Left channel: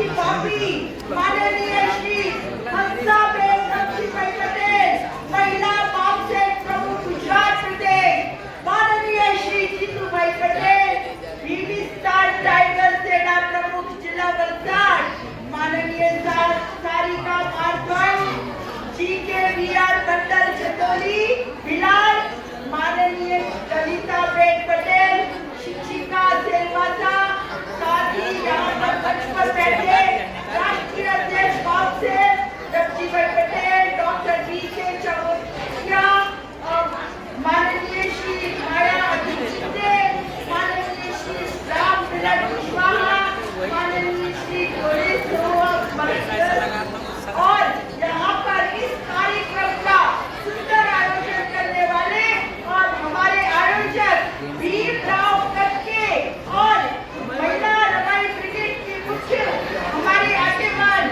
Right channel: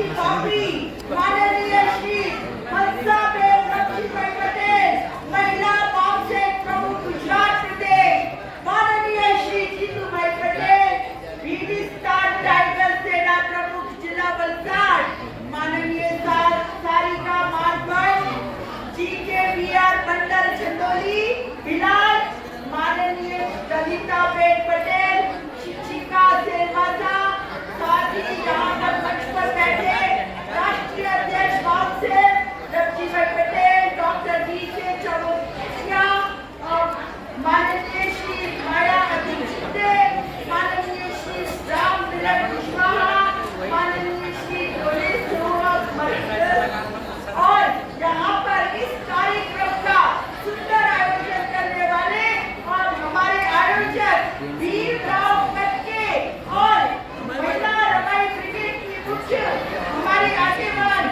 आदिवासी पापी माननीय श्री हंसाबेन लक्ष्मीबाई पटेल, महिला कांग्रेस प्रमुख गुजरात प्रदेश, माननीय श्री जीतूभाई पटेल, बीबी स्टार टाइगर सेना प्रमुख जिला वलसाड, माननीय सारिका मारगढ़, GKVR मंडल चंदौली भिलाड़, माननीय ललिताबेन पटेल, शिक्षिका सेवासा, साथ ही यहाँ पर मंच पर बैठे राष्ट्रीय अध्यक्ष बाबसे रवजीभाई पटेल, डॉक्टर BK चमोटिया, माननीय श्री माया अतिचित्ते, माननीय श्री राम मिलन कुशवाहा, माननीय श्री गोविंद और यहाँ पर इस कार्यक्रम का सुंदर आयोजन करने वाले और हमारे आयोजक भीमराव कटके और महिला रमाई ब्रिगेड की मुख्य हमारे आगेवान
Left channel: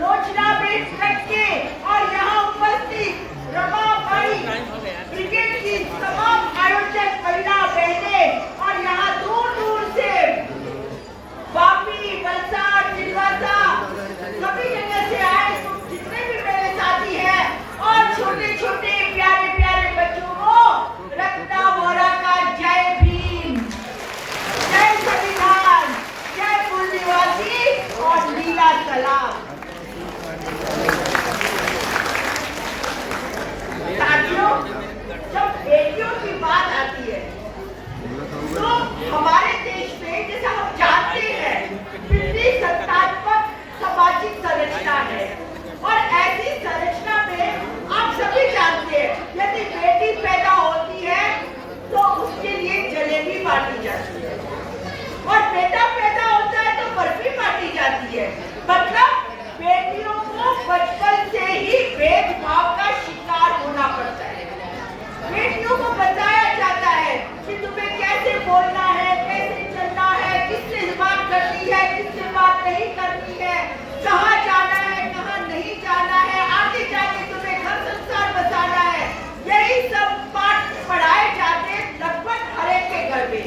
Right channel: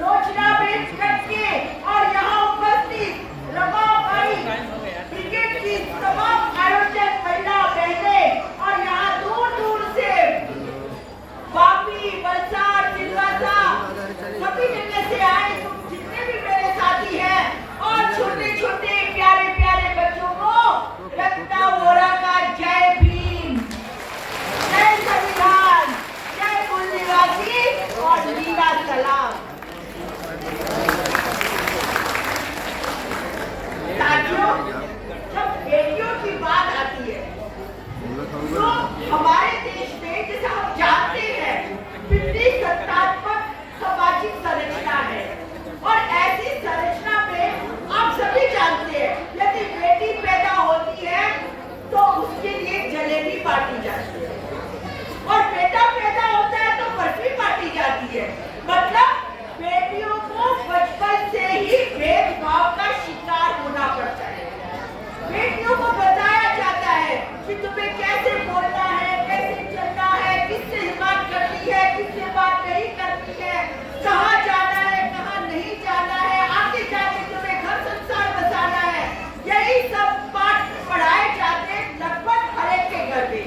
रोचनाबेन कटके और यहाँ उपस्थित रमाबाई ब्रिगेड की तमाम आयोजक महिला बहनें और यहाँ दूर दूर से वापी, वलसाड, सिलवासा सभी जगह से आए जितने भी मेरे साथी हैं और छोटे छोटे प्यारे प्यारे बच्चों को रत्ना वोरा का जय भीम, जय संविधान, जय मूल निवासी और वीरा सलाम। साथियों, जब बेटियों की बात आती है तो हमारे देश में जैसा हम जानते हैं विभिन्न सत्तात्मक सामाजिक संरचना है और ऐसी संरचना में आप सभी जानते हैं यदि बेटी पैदा होती है तो उसके लिए जलेबी बांटी जाती है और बेटा पैदा होता है तो बर्फी बांटी जाती है। मतलब बेटियों को बचपन से ही भेदभाव का शिकार होना पड़ता है। बेटियों को बताया जाता है कि तुम्हें कैसे बोलना है, कैसे चलना है, किससे बात करनी है, किससे बात नहीं करनी है, कहाँ जाना है, कहाँ नहीं जाना है, आगे जाके तुम्हें घर संसार बसाना है। यही सब पाठ पढ़ाए जाते लगभग हर एक के घर में,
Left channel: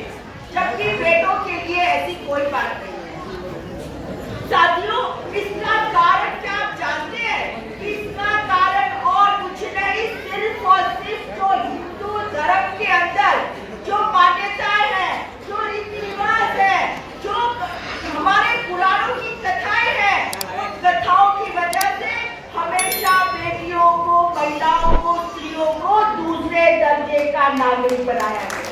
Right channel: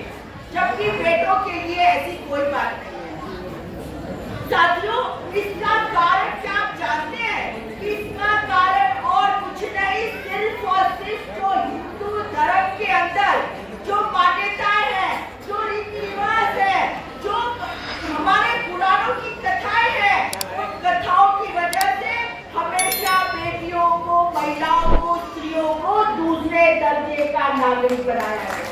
जबकि बेटों के लिए ऐसी कोई बात नहीं है। साथियों, इसका कारण क्या आप जानते हैं? इसका कारण और कुछ नहीं, सिर्फ और सिर्फ जो हिंदू धर्म के अंदर जो मान्यताएं हैं, जो रीति रिवाज है, जो हमारे पुराणों की कथाएं हैं, उन कथाओं की वजह से हमेशा बेटियों को, महिलाओं को, स्त्रियों को दूसरे दर्जे का नागरिक बनाया गया।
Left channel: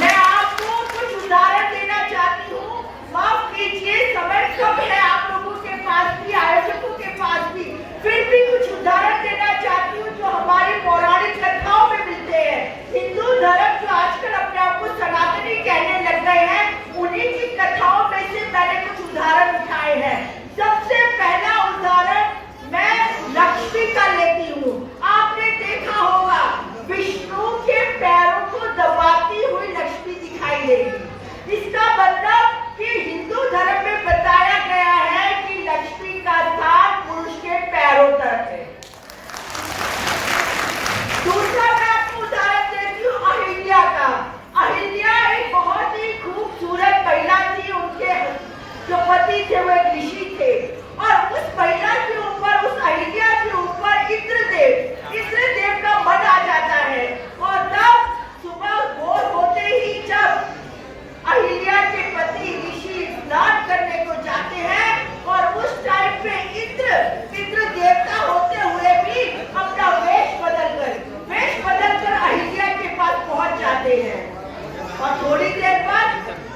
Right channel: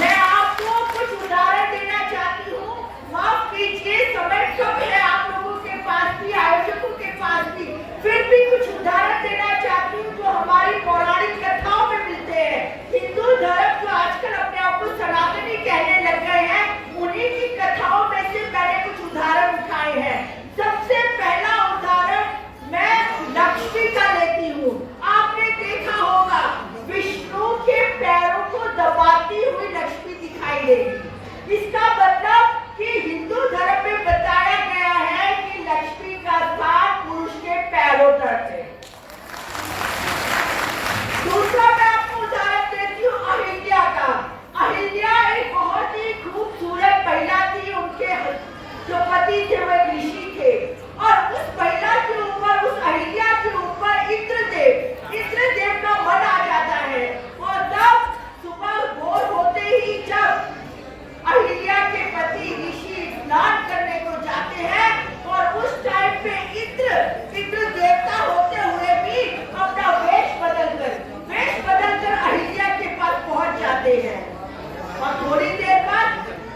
मैं आपको कुछ उदाहरण देना चाहती हूँ। माफ कीजिए, समय कम है आप लोगों के पास भी, आयोजकों के पास भी, फिर भी कुछ उदाहरण देना चाहती हूँ जो हमारी पौराणिक कथाओं में मिलते हैं। हिंदू धर्म जो आजकल अपने आप को सनातनी कहने लग गए हैं, उन्हीं की कथाओं में से मैंने कुछ उदाहरण उठाए हैं। सबसे पहला उदाहरण मैं लक्ष्मी का लेती हूँ। आपने देखा होगा विष्णु के पैरों को दबाती हुई लक्ष्मी दिखाई देगी। इसका मतलब कि हिंदू धर्म में बताया गया है कि लक्ष्मी का स्थान पुरुष के पैरों तक है। दूसरा मैं आपको उदाहरण देती हूँ अहिल्या का। अहिल्या एक बहुत ही खूबसूरत महिला थी। उनके जो पति थे वो एक ऋषि थे और उस महिला के ऊपर, उस अहिल्या के ऊपर इंद्रदेव का मन आ जाता है और तब सुबह भोर होते ही जब अहिल्या के पति ऋषि स्नान करने को जाते हैं और उस टाइम पे इंद्र देवता होते हुए भी अपना वेश बदलकर अहिल्या के पास पहुंच जाते हैं। और थोड़ी देर बाद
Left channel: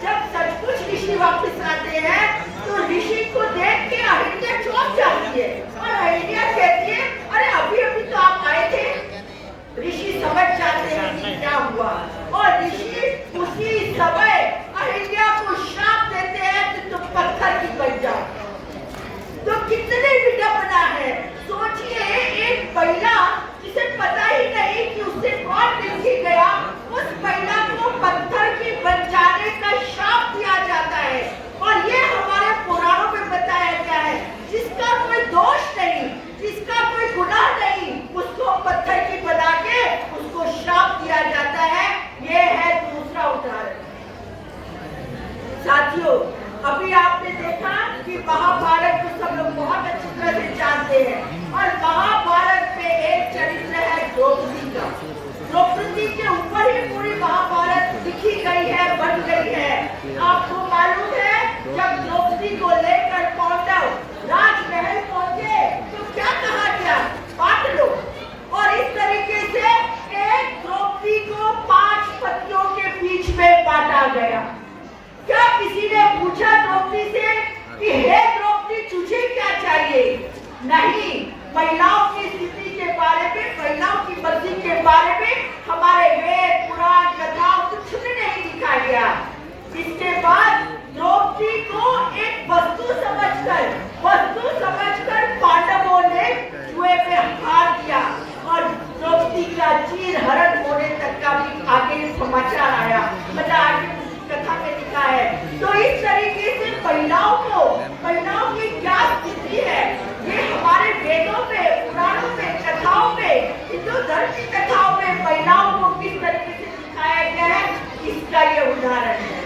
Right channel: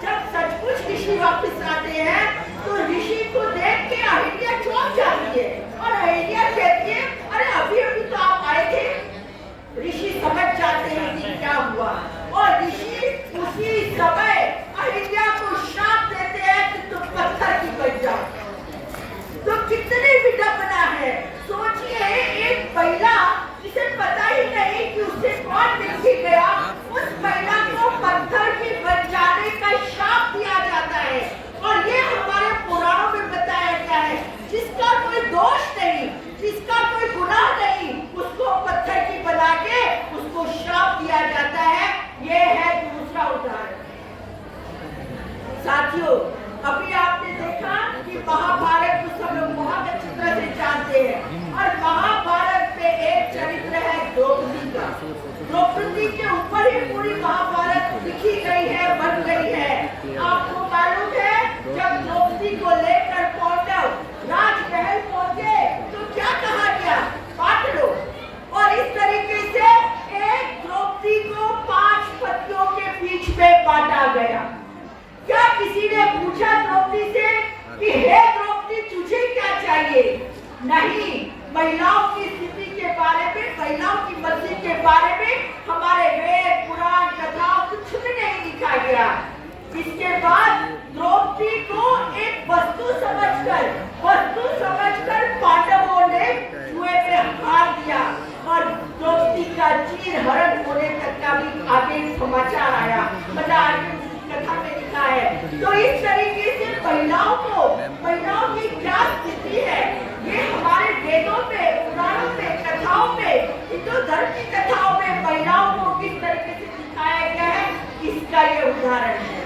जब सचमुच ऋषि वापस आते हैं तो ऋषि को देख के अहिल्या चौंक जाती है और अहिल्या कहती है, अरे अभी अभी तो आप आए थे। ऋषि समझ जाते हैं कि क्या हुआ और ऋषि उसी समय अहिल्या को श्राप देते हैं कि तुम पत्थर की बन जाओ। तो कितने विडंबना है। सोचिए, एक महिला जिसे पता ही नहीं कि उससे कौन मिल के गया, उस महिला को पत्थर की बन जाने का श्राप दिया जाता है और ये कि महाभारत को सब लोग बहुत अच्छी तरह से जानते हैं, और महाभारत में एक चरित्र है द्रौपदी का। द्रौपदी के ऊपर ही पूरी महाभारत लिखी गई है, बन गई है। आपको मालूम है जब द्रौपदी को लेकर पांडव राजमहल पहुंचे तो क्या कहा गया, बांट लो। और इस तरीके से एक द्रौपदी को 5 पतियों के बीच में बांटा गया। क्या किसी ने पूछा द्रौपदी से कि हे द्रौपदी तुझे क्या चाहिए? नहीं, महिलाओं की स्थिति के बारे में, महिलाओं की मर्जी के बारे में हमारे वेद पुराण कथाओं कुछ भी नहीं लिखा गया। इसके बाद द्रौपदी को एक वस्तु समझकर पांडवों ने जुए में हार दिया, और द्रौपदी का चीर हरण होने तक का भी आगे समाचार आया, मतलब आगे कथा में लिखा है। तो इस तरीके से महिलाओं की क्या स्थिति है, ये हमारे वेदों में, पुराणों में, कथाओं में, हिंदू धर्म की कथाओं में महिलाओं को किस तरीके से दिखाया गया है, इसका ये उदाहरण है।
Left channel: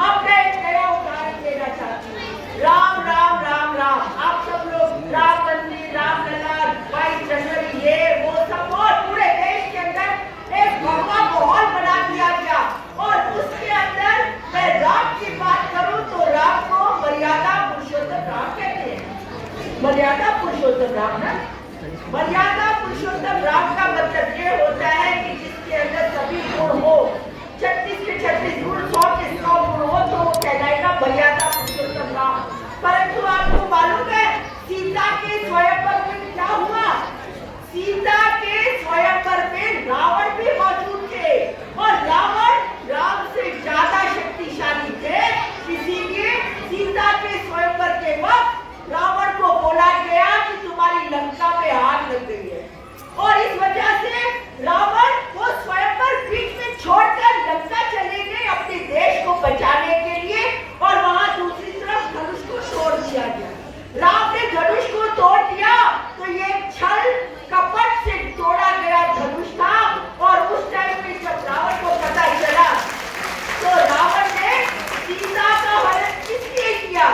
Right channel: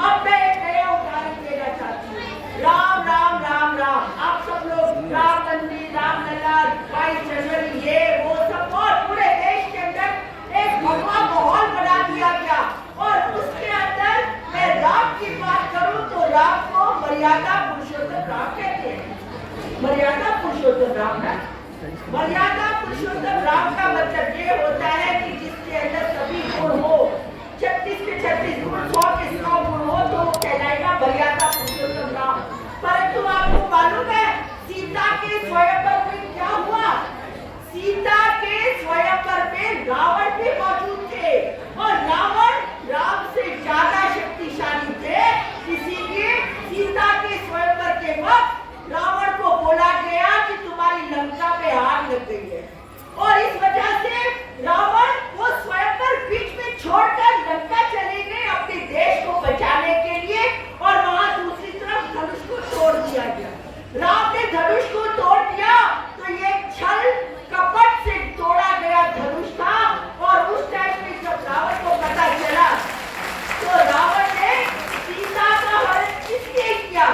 अब मैं एक नया उदाहरण देना चाहती हूँ। राम राम राम राम, आप सब लोग राम मंदिर, रामलला, 22 जनवरी, ये वो सब, और पूरे देश के अंदर एक भगवा माहौल बना दिया गया। और उसके अंदर मैं राम की बात करूं तो राम को मर्यादा पुरुषोत्तम राम कहते हैं। मर्यादा पुरुषोत्तम राम ना, मर्यादा पुरुषोत्तम राम का मतलब ये होता है कि जिसके अंदर सभी गुण हो, 36 के 36 गुण, 100 के 100 गुण हो, तो वो कहलाएगा मर्यादा पुरुषोत्तम राम। परंतु आपको मालूम है सीता के स्वयंवर में क्या हुआ? सीता के स्वयंवर में रावण भी मौजूद थे, और रावण राम से ज्यादा शक्तिशाली थे। इसीलिए सीता के स्वयंवर के वक्त रावण को बोला गया कि तुम्हारी लंका में आग लग गई है, और इस वजह से रावण वो स्वयंवर बीच में छोड़कर लंका चले गए अपने देश को बचाने के लिए, और वहां दूसरी तरफ धनुष को तोड़ दिया गया। राम ने धनुष को तोड़ दिया तो ये छल कपट से तोड़ा गया धनुष था, और उस टाइम में जब रावण को पता चला तो रावण ने सीता का हरण किसने किया?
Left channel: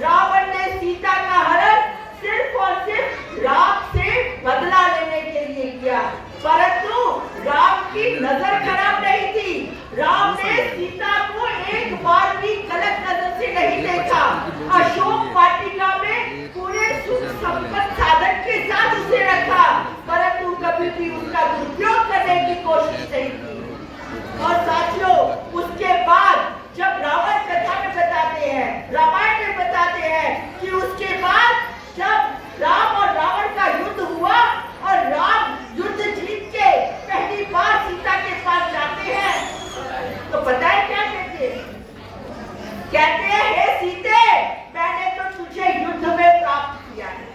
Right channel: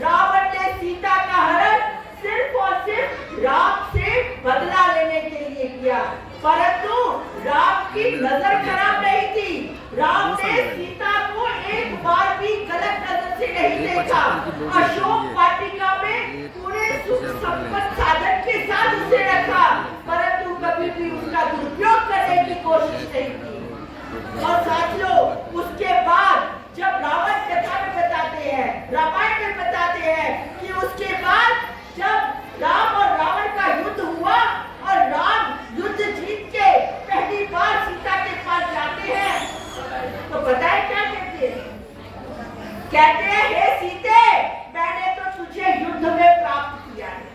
रावण ने सीता का हरण सिर्फ और सिर्फ राम से बदला लेने के लिए किया। परंतु राम की नजर खराब नहीं थी, राम ने सीता को एक बार भी गलत नजर से नहीं देखा। अशोक वाटिका में पूरे सुख संपन्न साधन के साथ उसे रखा, परंतु कभी भी उसका दुरुपयोग करने की कोशिश नहीं की। और साथियों, उसके बाद जब रावण कथा में बताते हैं, रामायण में बताते हैं कि उसके बाद जब राम और रावण का युद्ध हुआ, और राम युद्ध जीत के पहली बार सीता के पास जाते हैं, तो पता है क्या कहते हैं? कहते हैं हे सीते, मैंने तो तुझे युद्ध में प्राप्त किया है।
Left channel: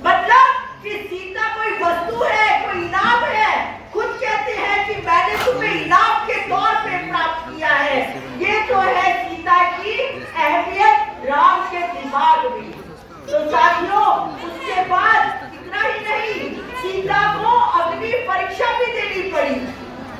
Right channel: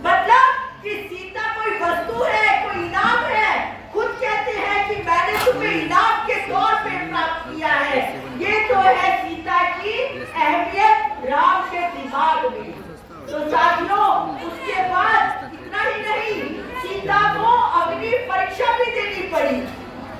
मतलब कि सीता कोई वस्तु है, कोई इनाम है। खुद कहते हैं कि मैंने तुम्हें इनाम के तौर पे प्राप्त किया है। ये तो है सीता की अहमियत राम के दिमाग में। तो साथियों, उसके बाद इतना ही नहीं, सीता को अग्नि परीक्षा भी देनी पड़ी,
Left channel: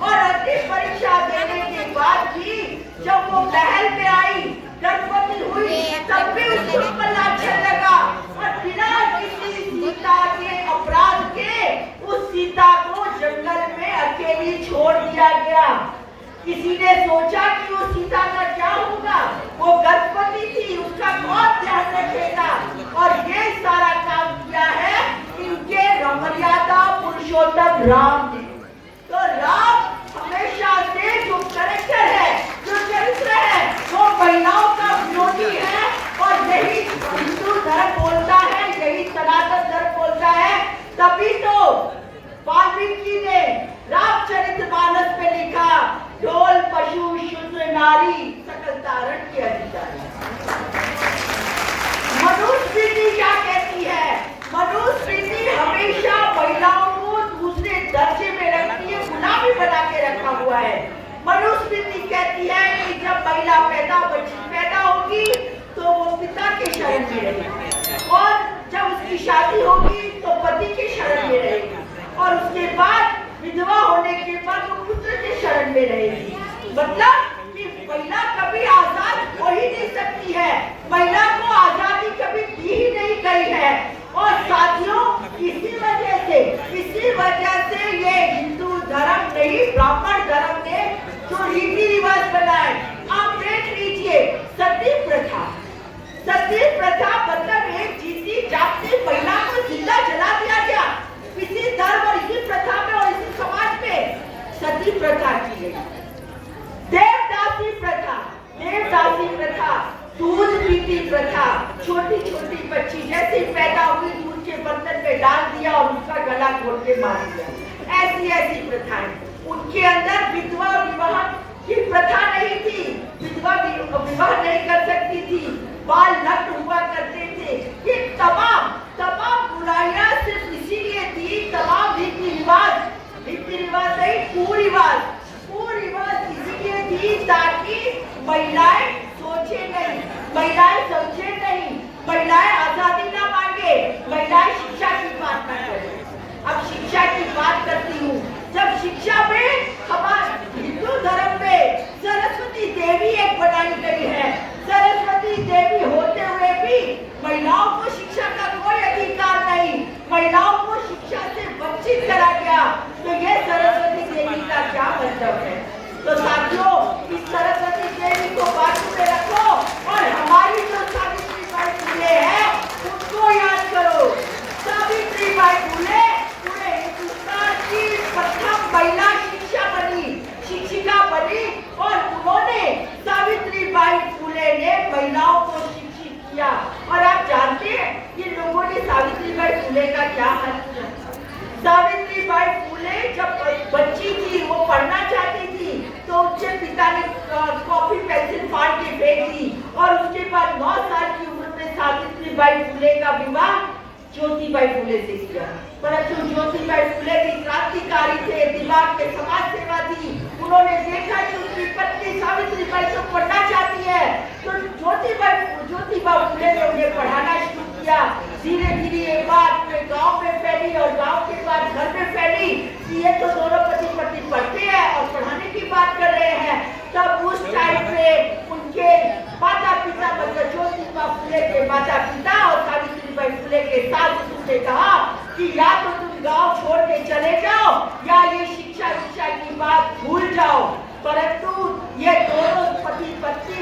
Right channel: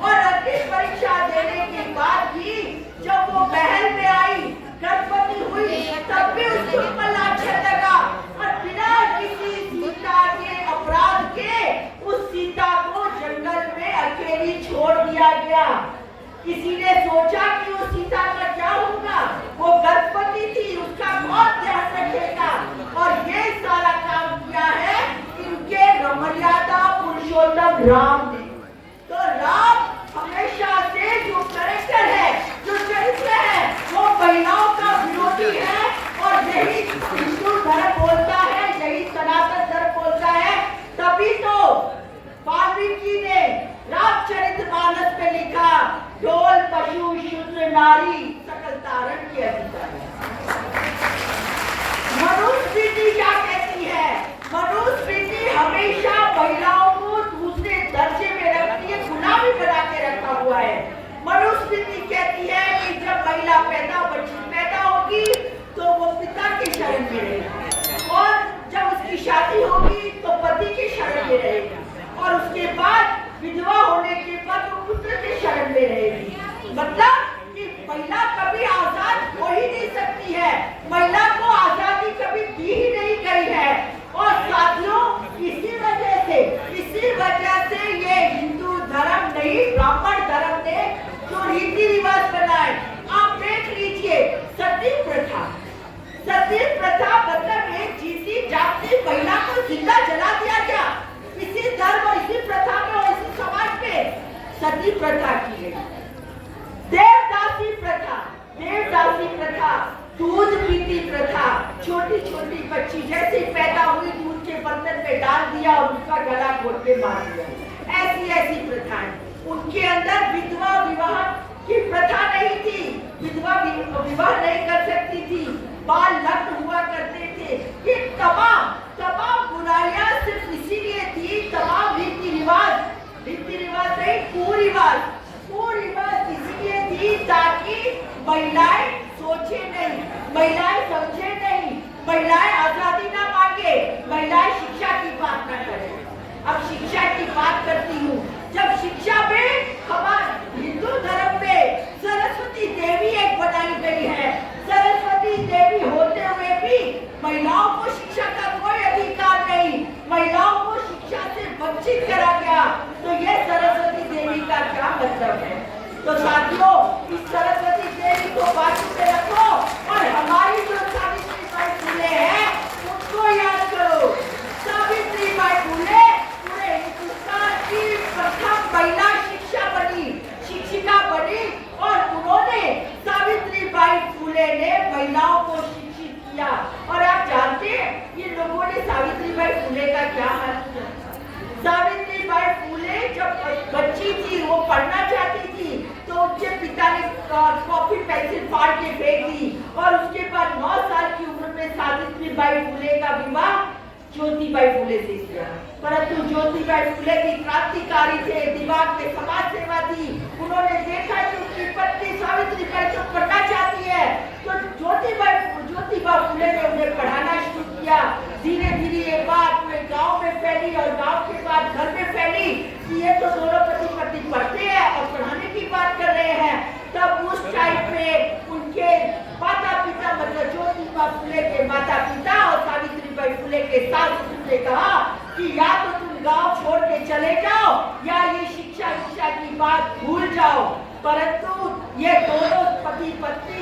और अग्नि परीक्षा देने के बाद भी जब वो महल में आई, गर्भवती हुई, तब भी उसके ऊपर लांछन लगा, और बिना किसी सीता के अपराध के उस सीता को जंगल में अकेली छोड़ दिया गया। किसी ने सोचा कि वो सीता का क्या होगा? वो गर्भवती थी, उसका कौन ध्यान रखेगा? और ये सारा काम किया है इनके मर्यादा पुरुषोत्तम राम ने। तो राम हमेशा से जो कैरेक्टर है, जो चरित्र है, वो महिलाओं का विरोधी है, और यही हिंदू धर्म बोलता है, यही सनातन धर्म बोलता है। तभी तो वाल्मीकि ने रामचरितमानस में लिखा, ढोल पशु शूद्र नारी सकल तारण के अधिकारी। मनुस्मृति क्या कहती है? मनुस्मृति हमेशा महिलाओं को दूसरे दर्जे में रखती है, गुलामी बना के रखा हुआ है। मनुस्मृति कहती है कि जब महिला पैदा होगी तो वो पिता के शरण में रहेगी, और जब उसकी शादी होगी तो पति के शरण में रहेगी, और उसके बाद विधवा होने के बाद वो पुत्र के शरण में रहेगी। मतलब कि महिला कभी आजाद हो ही नहीं सकती है। महिला को आजादी सती प्रथा मतलब एक जीती जागती महिला को जिंदा जला दिया गया। इसी धर्म और इसी प्रथा में और इसी समाज में सती प्रथा की गई। देवदासी प्रथा, दूध पीती प्रथा, छोटी छोटी बच्ची जैसे पैदा हुई दूध के बर्तन में डाल दिया और उसका गला घोट के मार दिया। ऐसी प्रथाएं, उनके अंदर विधवा विवाह की प्रथा नहीं थी, विधवा विवाह नहीं कर सकती थी, बाल नग्न हुआ करते थे। ये तमाम बुराइयां सिर्फ इसीलिए थी, तमाम रीति रिवाज नहीं, कुरिवाज इसीलिए थी ताकि महिलाएं सोचे नहीं, महिलाएं समझे नहीं, महिलाएं आजादी ना मांगे, महिलाएं शिक्षा की बात ना करें। अब शिक्षा की बात करती हूँ। जब शिक्षा में हमारे हिंदू धर्म में सरस्वती देवी एक बनाई गई है, सरस्वती देवी होते हुए भी महिलाओं को शिक्षा का कोई अधिकार नहीं, महिलाओं को शिक्षा से वंचित करा गया। तो ये सरस्वती देवी का क्या मतलब है? तो साथियों, इस सरस्वती देवी को बाजू में रखो और हमारी जो सावित्रीबाई फुले है उनको याद करो। सावित्रीबाई फुले पूरे हिंदुस्तान की प्रथम महिला शिक्षिका बनी और उन्होंने सावित्रीबाई फुले ने महिलाओं को शिक्षित किया। और आप जानते हैं इन लोगों ने सावित्रीबाई फुले का क्या हाल किया? सावित्रीबाई फुले जब बच्ची थी, वो पढ़ना चाहती थी, तो उनके पिता ने कॉपी पेंसिल फाड़ के फेंक दी और उसके बाद 9 साल की उम्र में सावित्रीबाई फुले का विवाह ज्योतिबाई फुले से किया। परंतु ज्योतिबाई फुले भी क्रांतिकारी थे, दिमाग में समाज सेवा थी। उन्होंने देखा कि उनकी पत्नी सावित्रीबाई तो पढ़ना चाहती है, तो ज्योतिबा फुले ने उन्हें पढ़ाना शुरू किया। धीरे धीरे ये बात पूरे गांव में फैली और गांव के बाद घर में फैली कि ये तो दोनों पति पत्नी पढ़ते हैं और पढ़ाने की बात कर रहे हैं। तब उस टाइम पे उनके माता पिता मतलब ज्योतिबा फुले के माता पिता और सावित्रीबाई फुले के सास ने कहा कि या तो तुम गांव छोड़ के चले जाओ या ये शिक्षा की बात भूल जाओ। परंतु ये दोनों पति पत्नी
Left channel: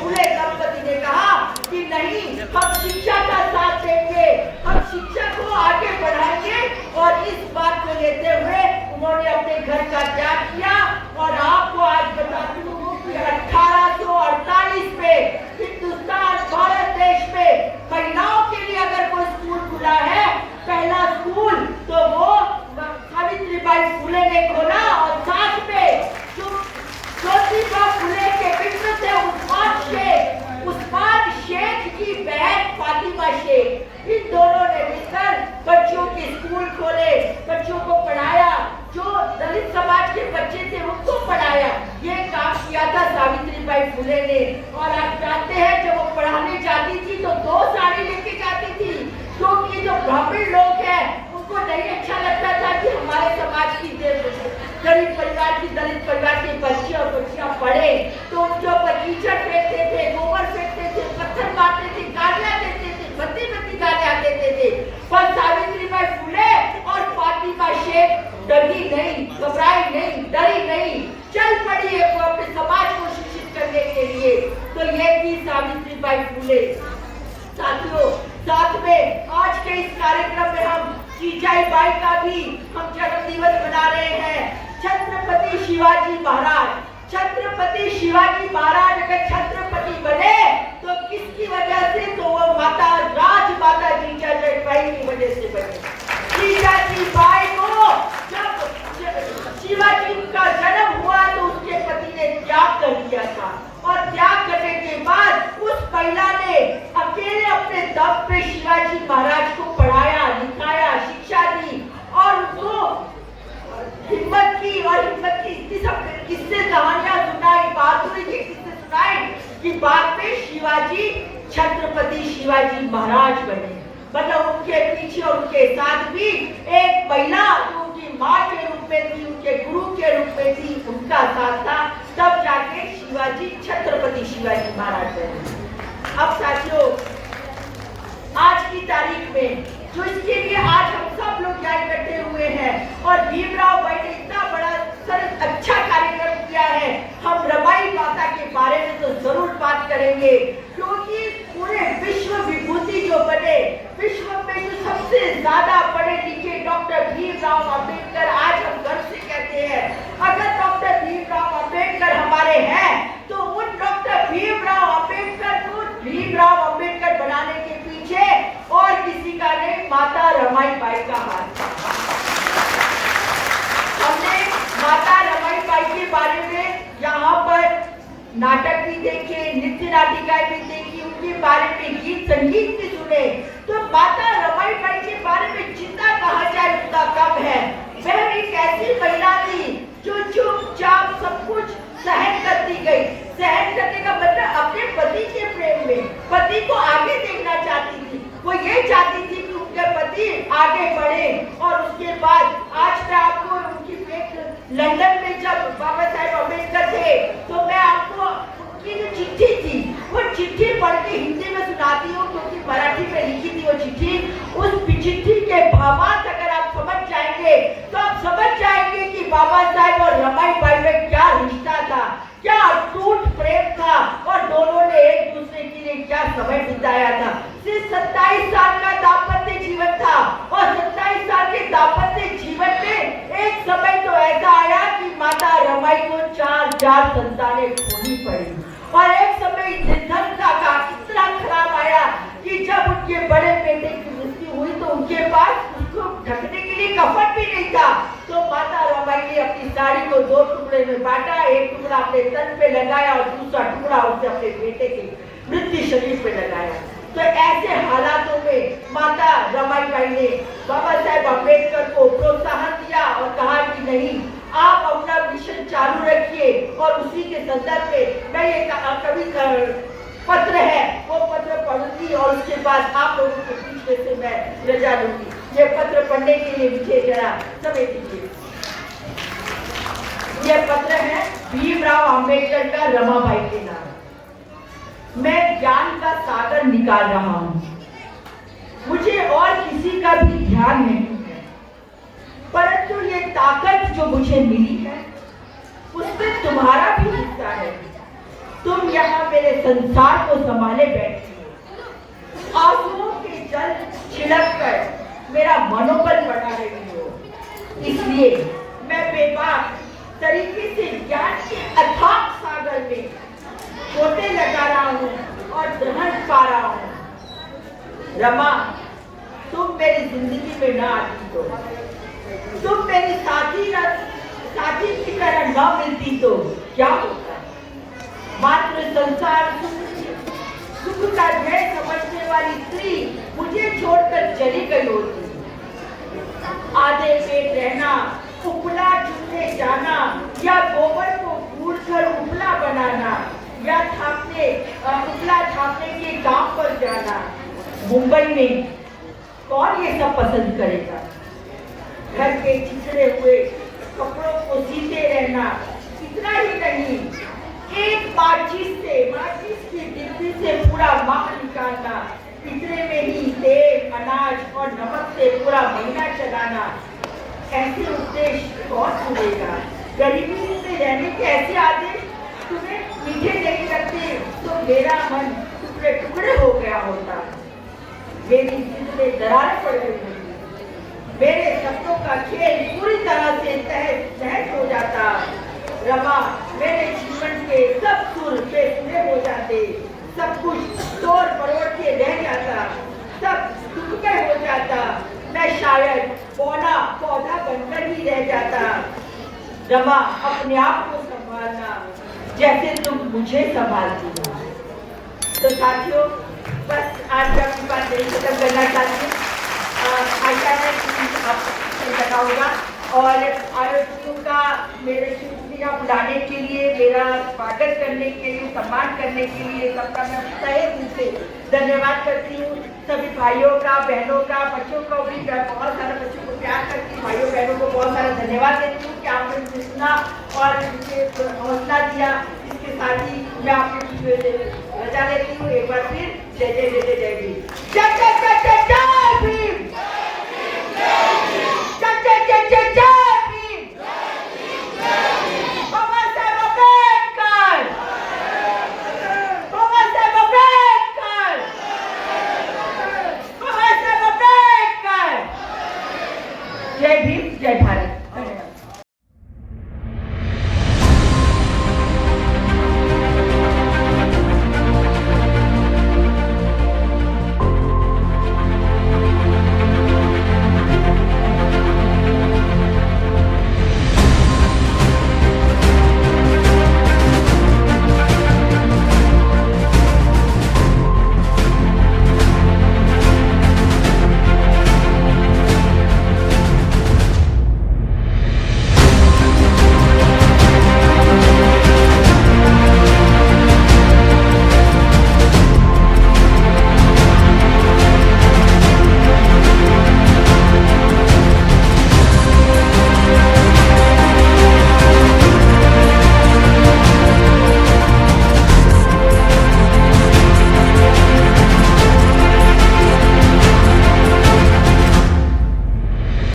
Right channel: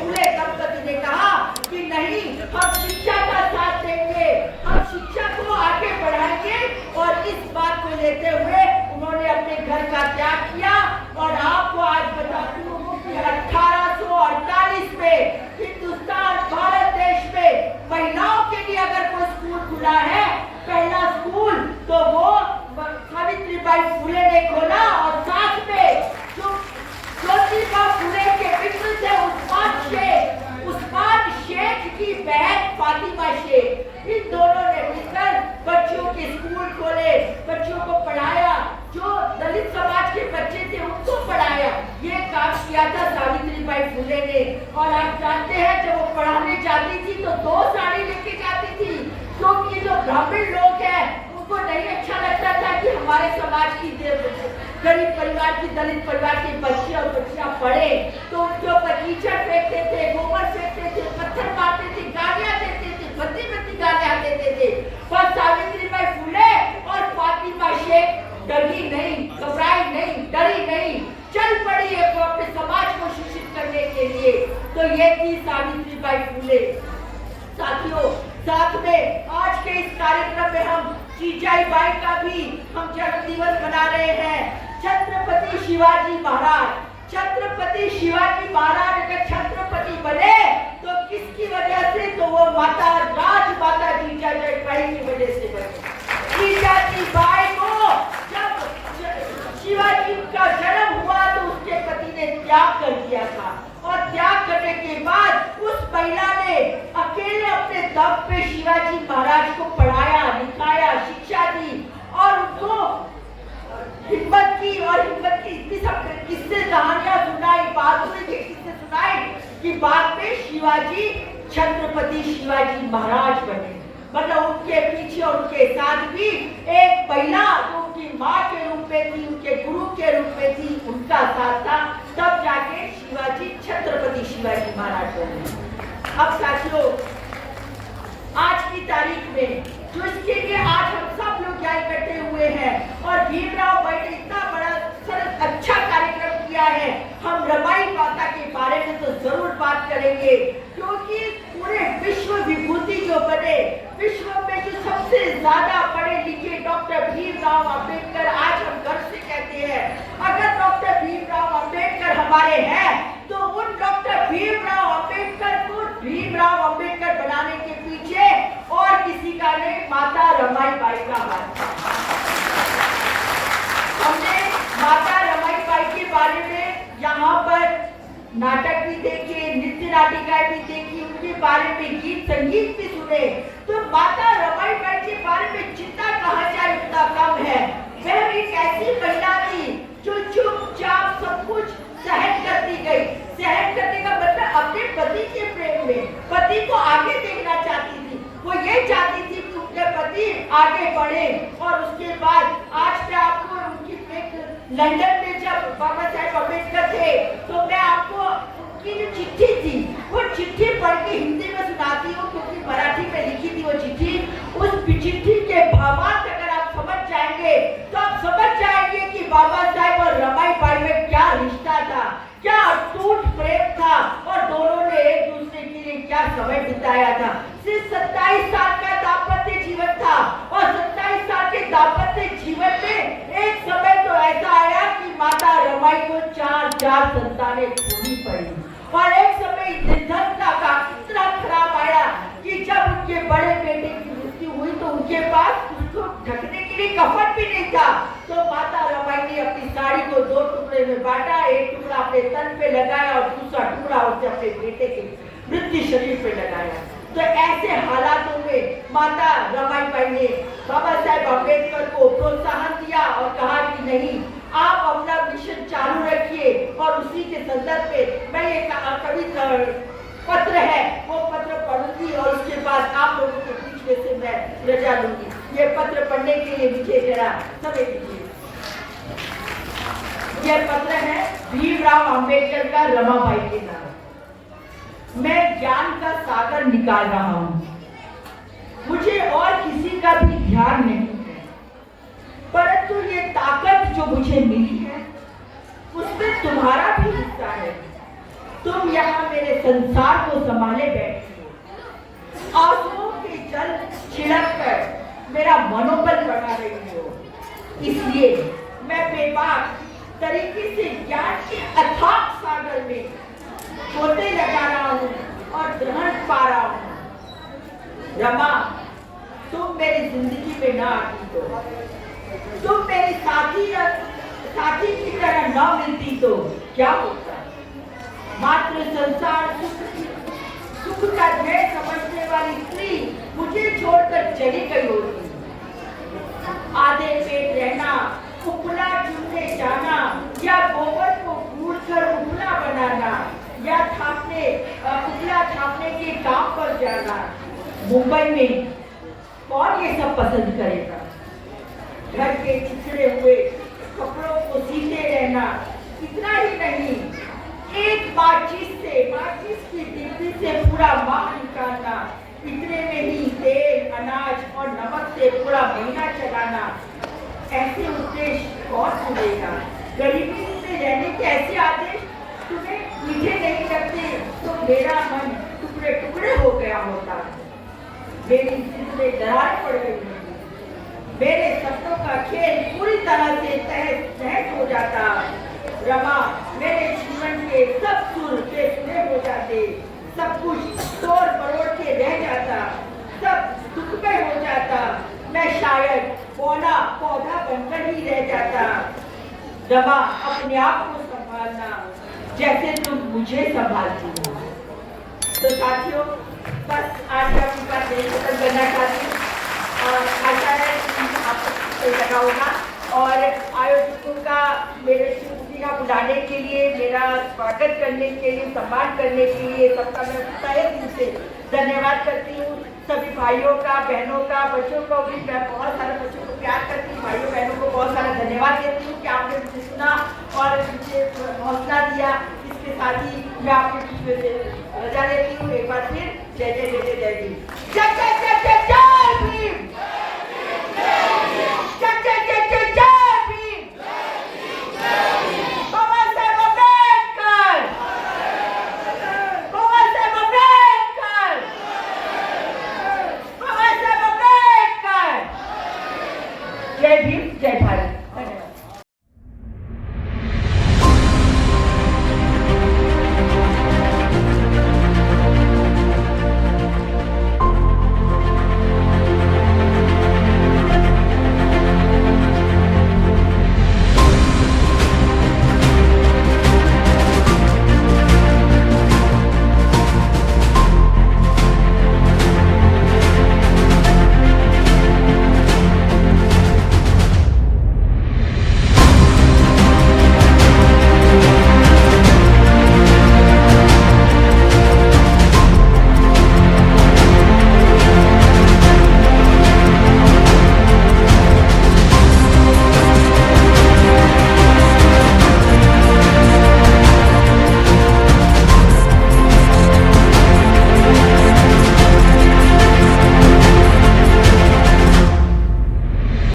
फुले दंपति ने कहा कि नहीं, हम शिक्षा का साथ देंगे, हम शिक्षा को आगे बढ़ाएंगे। और इस बात को लेते हुए उन्होंने अपने घर का त्याग किया। और आपको आज बताती हूँ कि 1848 में हिंदुस्तान भारत देश में महिलाओं के लिए अगर कोई स्कूल खुला है, पहला स्कूल, तो वो सावित्रीबाई फुले ने खोला। और साथ में जो ज्योतिबा फुले के मित्र थे उस्मान शेख की बहन फातिमा शेख, इन दोनों ने मिलकर बच्चों के स्कूल खोले, बच्चों को पढ़ाया। जो दलित समाज के बच्चे थे उनको पढ़ाया। ये काम किया था सावित्रीबाई फुले ने। और आप जानते हैं जब वो पढ़ाने जाती थी तो 2 साड़ी लेके जाती थी, क्योंकि जो ब्राह्मण लोग हैं उनको नहीं अच्छा लगता था कि हमारे समाज की गरीब परिवार की दलित परिवार के बच्चे और बच्चियां पढ़े, तो उनके ऊपर कीचड़ फेंकते थे, गोबर फेंकते थे, पत्थर मारते थे, गालियां देते थे, भद्दी गालियां देते थे। पर सावित्रीबाई फुले और फातिमा शेख डरी नहीं, घबराई नहीं, डरी नहीं, चल पड़ी है वो अपने समाज को शिक्षित करने के लिए। तो ये थी सावित्रीबाई फुले। साथियों, साथ में आज के इस कार्यक्रम में हम जीजाईबाई का भी हम जन्म दिवस मना रहे हैं। छत्रपति शिवाजी महाराज अगर छत्रपति बने तो किसकी वजह से? तो वो राजमाता जीजाजीबाई की वजह से बने। जीजाजीबाई को जब शिवाजी का जन्म हुआ तो उसके पति ने त्याग कर दिया था, और त्याग करने के बाद उस महिला ने अकेले अपने दम पे शिवाजी महाराज को पढ़ाया, लिखाया, शिक्षा दी और उनको हिम्मत की इतनी सब किस्से कहानियां सुनाई, बहादुरी के किस्से सुनाए कि बाद में छत्रपति शिवाजी महाराज बने। मतलब उनके पीछे उनके साथ भी एक महिला जो उनकी माँ के रूप में थी, उनके गुरु के रूप में थी, उनका साथ था, तब जाके छत्रपति शिवाजी महाराज बने। अब साथियों, आज की तारीख में जो इसके लिए आज हम सब लोग यहाँ इकट्ठे हुए हैं और भीमराव भाई ने इतना बड़ा अच्छा कार्यक्रम किया है, हम रमाई माता के बारे में तो जरूर बात करेंगे, क्योंकि पूरे विश्व विभूति जो बने, विश्व में जो सबसे ज्यादा पढ़े लिखे डॉक्टर भीमराव अंबेडकर, आज हम गर्व से कहते हैं अगर डॉक्टर भीमराव अंबेडकर हमारे हैं तो उन डॉक्टर भीमराव अंबेडकर को भीमराव अंबेडकर बनाने के पीछे और किसी का नहीं, माता रमाईबाई का हाथ। हमने माता रमाईबाई के बारे में यहाँ पर नाटक भी देखे, नृत्य नाटिकाएं भी देखी, उनके बारे में गीत संगीत भी सुने। तो माता रमाईबाई के बारे में जितना कहा जाए उतना कम है। वह एक ऐसी महिला थी जो चुपचाप सब कुछ सहन करती गई। सहन करने का मतलब अपने पति के प्रेम में पति को आगे देखना चाहती थी। वो ये चाहती थी कि उनके पति आगे बढ़े। और उसके बाद आज मैं आपको उनकी लंदन में जब बाबा साहेब अम्बेडकर थे तो मैं आपको उनकी जो चिट्ठी थी वो चिट्ठी पढ़ के हिंदी में सुनाती हूँ, क्योंकि मराठी में लिखी थी वो चिट्ठी। उस चिट्ठी के भावार्थ अगर आप समझ जाएंगे तो आप समझ जाएंगे कि बाबा साहेब और रमाईबाई में क्या रिश्ता था, क्या अटूट प्रेम था और दोनों ने एक दूसरे के लिए क्या समय बिताया था। सिर्फ 27 साल का दाम्पत्य जीवन था और 27 साल के दाम्पत्य जीवन में एक समय तो ऐसा आया कि माता रमाई को 4 संतानें खोनी पड़ी। और एक समय निर्धनता का इतना खराब आया कि जब उनके बड़े बेटे की मृत्यु हुई तो उनके पास उसको ढकने के लिए कफन भी नहीं था। तो माता रमाई ने अपनी साड़ी को 2 टुकड़े में बांटा, एक टुकड़ा अपने तन पे लगाया और दूसरा टुकड़ा उसने अपने बेटे के मृत्यु शरीर पे लगाया। तो ऐसे हालातों में माता रमाईबाई ने बाबा साहेब अम्बेडकर को प्रोत्साहन दिया और कहा कि नहीं, आप अपना मिशन चालू रखिए। और उसी के संदर्भ में मैं ये कवि पत्र है वो पत्र पढ़ूंगी और उसके बाद आप लोगों के बीच में से मैं रजा लूंगी। ये पत्र पढ़ने के लिए मुझे जरा समय दीजिए। ये पत्र है भीमराव अंबेडकर का रमाबाई के नाम। मैं ज्ञान का सागर निकाल रहा हूँ, मुझे और किसी का भी ध्यान नहीं है, परंतु ये ताकत जो मुझे मिली है उसमें तुम्हारा भी हिस्सा है। तुम यहाँ मेरे संसार को संभाले बैठी हो, आंसुओं के जल छिड़क कर मेरा मनोबल बढ़ा रही हो। इसलिए मैं बेबाक तरीके से ज्ञान के अथाक सागर में गोते लगा रहा हूँ और दहन पा रहा हूँ। रमा, तुम मेरी जिंदगी में ना आती तो, तुम मेरी साथी की तरह न मिलती तो क्या होता। मात्र संसार सुख का ध्येय समझने वाली स्त्री मुझे छोड़कर चली गई होती। आधे पेट रहना, उपला चुनने जाना या गोबर को गूंथकर उपला बनाना या उपला छापने के काम पर जाना। मुंबई में कौन ये सब पसंद करेगा। घर के छिछड़े हुए कपड़ों को सीते रहना, इतना ही नहीं, एक माचिस की डिब्बी से पूरा माह निकालना, इतने में ही तेल, अनाज और नमक से पूरा महीना चलाना। ऐसे उद्देश्य कौन सुनेगा। गरीबी से रहने के ऐसे आदेश तुम्हें मीठे नहीं लगते तो मेरा मन टुकड़े टुकड़े हो गया होता। मेरी जिद में दरारें पड़ गई होती, मेरे सपनों का खेल पूरी तरह से तहस नहस हो जाता। रमा, मेरे जीवन के सब सुर बेसुरे हो जाते, सब कुछ तोड़ मरोड़ के रह जाता, सब दुखमय हो जाता। मैं शायद पौधा बनकर ही रह जाता। रमा, अपने आप को संभालना जैसे तुम मुझे संभालती हो। तो साथियों, बस आज मैं अपनी बात यही खत्म करना चाहती हूँ। आशा है कि आपको लगा होगा और आयोजकों का मेरे श्री का बुलाने के लिए, मेरा स्वागत करने के लिए, सम्मान करने के लिए सबका मैं तहे दिल से धन्यवाद करती हूँ। सभी भाइयों का, बहनों का, बच्चों को भी, मैं बहुत सारे बच्चों को प्यार करती हूँ, भाइयों बहनों को बहुत सारा धन्यवाद देती हूँ कि आपने मुझे सुना और मुझे हौसला दिया। इसके साथ ही मैं आपके बीच में रजा लेती हूँ। एक बार फिर जय जय जय जय।